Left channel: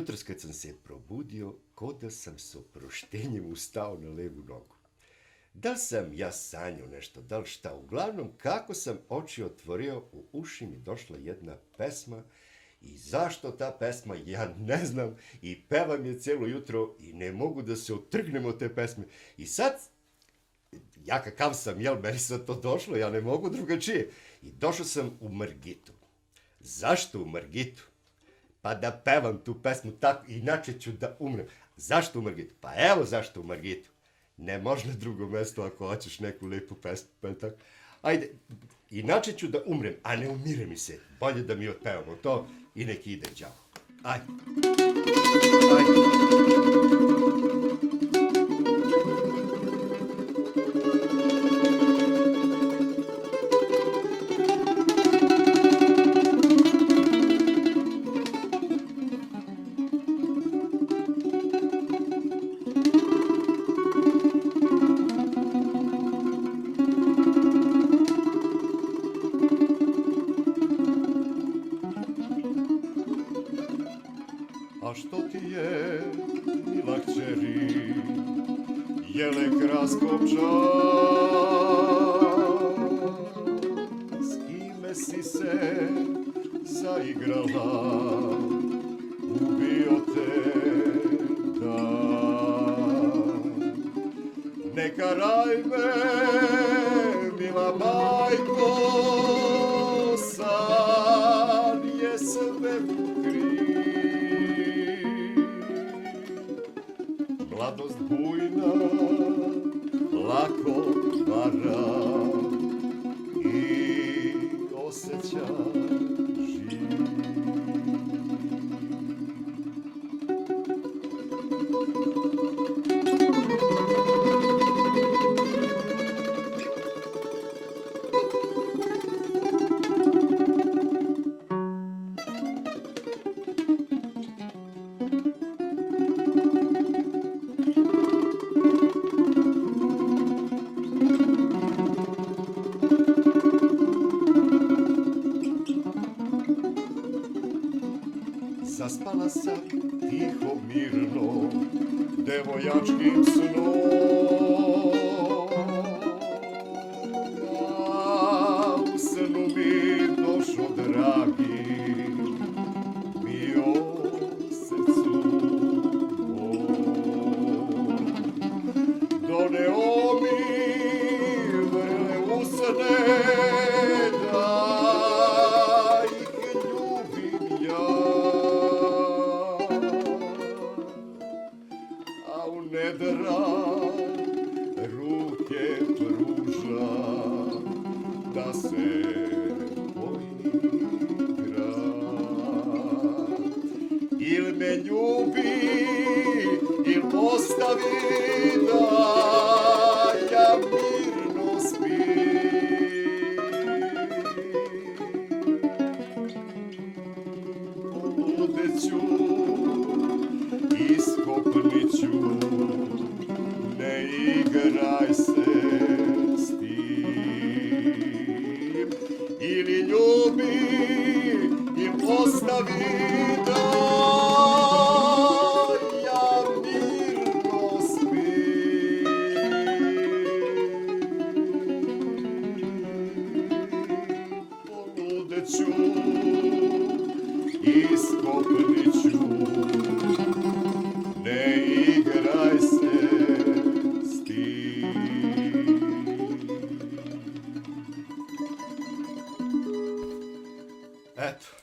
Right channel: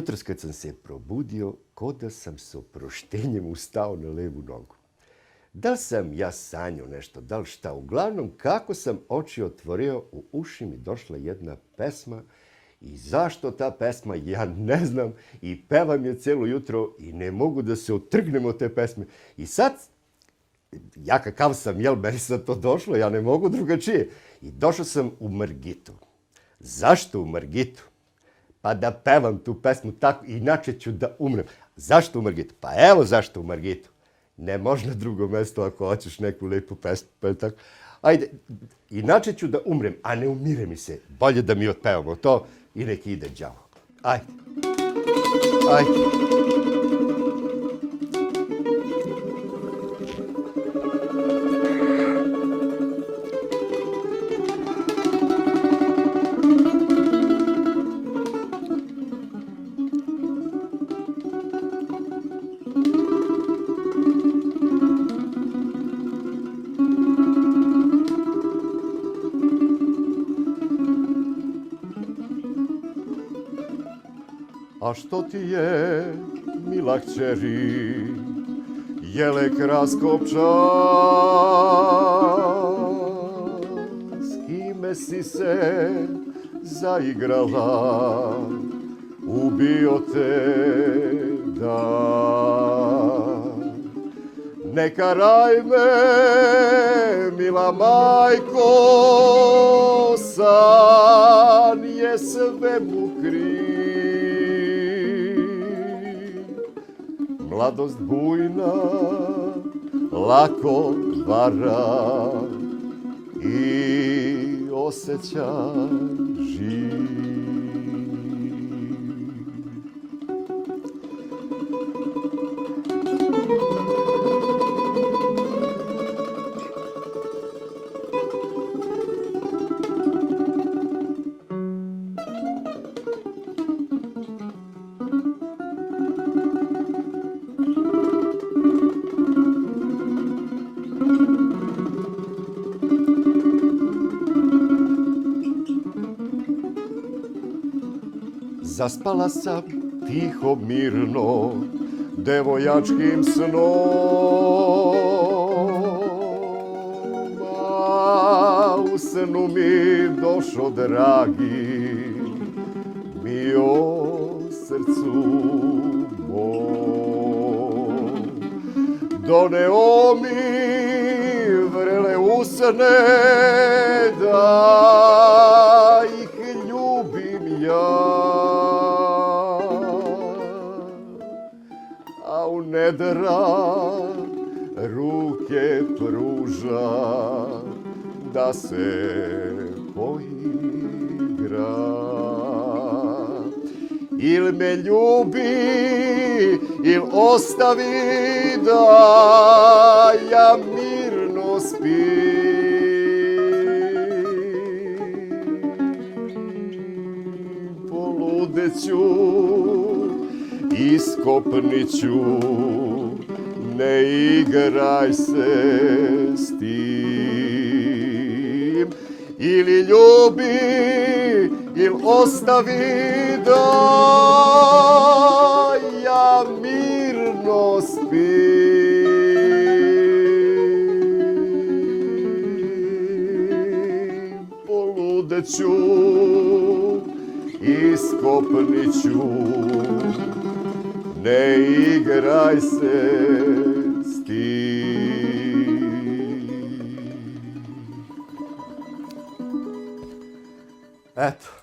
Jutros kad sam se probudio, ko da sam s oproštenjem ustao na levu nogu. Da sam ja sanjao nešto, da li šta, uglavnom kako sam oči otvorio, u uši mi došla jedna pesma i zašto ta pesma, ja ne znam, i pevam je celo jutro i ne mogu da se otrgnem od te pesme. I sad, ja kakav sam, jel, meni sad to došlo, ja ne mogu drugačije. I došao sam u Margitu. Zašto u Margitu? Pa da pevam tu pesmu tako, inače ću da umrem. Zašto u Margitu? Pa evo zašto u Margitu. Ne može na drugo mesto ako hoćeš neku lepu pesmu. Pa tako. Ajde, inače ću da umrem, a ne umire mi se. Bolje da mi otpevamo to i nek ide đavo. Ajde. Ajde. A što ti je, mila kćeri, jele kraskopča? S kime si se zaigrala, ubio te dan. Ne karaj me, mila majko, san je sve mukri. Mladost bujna, lako vara i osjeća živ. Zaspala sam tiho, mirno, devojačkim snom. A u snu mi došo, dragi, mi o srcu mom. Doneo mi vrele usne, da ih ljubim ja. Nedra ruke pruža da se poigra. Il me ljubi, il ostavi da ja mirno spim. Poludeću, iskopniću, ne igraj se s tim. Ili ljubi, ili ostavi da ja mirno spim. Poludeću, iskopniću, ne igraj se s tim. Eto.